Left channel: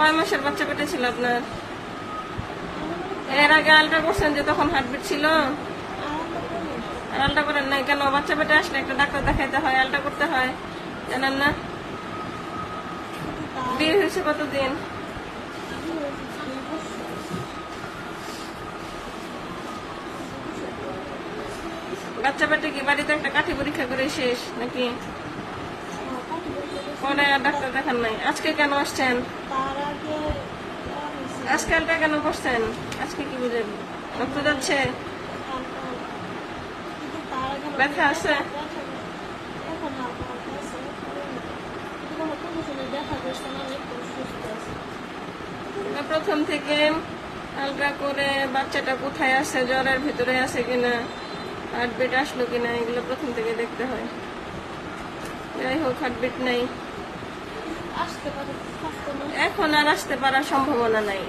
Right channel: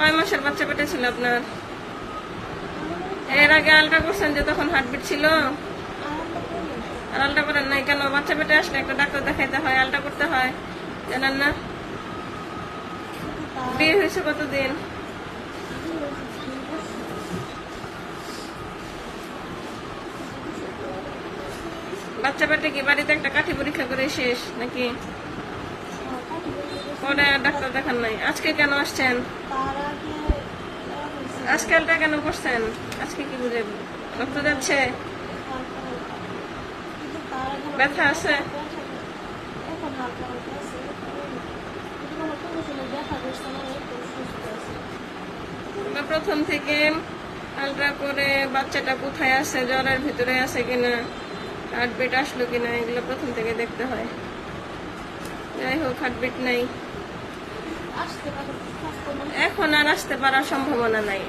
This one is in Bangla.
কয় মাসের বাচ্চা পেটে ছিল আপনার? এর আগে আলট্রা করছেন যে তখন হার্টবিট ছিল? আর আলট্রা করেন নাই কেন? বাচ্চা পেটে আসলে একটা ডাক্তার দেখাইতে হয়, আলট্রা করতে হয়, জানেন না? বিয়ে হয়েছে কতদিন? বাচ্চা পেটে কি বাড়িতে একটা কাঠি পরীক্ষা করে শেষ নাকি? পরে ডাক্তার দেখান নাই? আজকে কেন আসছেন? আজকালটা কেন করছেন? আজকে কি বুঝে রক্ত যাচ্ছে? ব্যথা আছে? প্রথম থেকে আলট্রা করে বাচ্চাটা কোথায় আছে, জ্বরের ভিতরে আছে কিনা, হার্টবিট আসলো কিনা, এগুলো প্রথম থেকে দেখতে হয়। যাই হোক, হার্টবিট নাই, এখন আর আসতে পারার সম্ভাবনা নাই।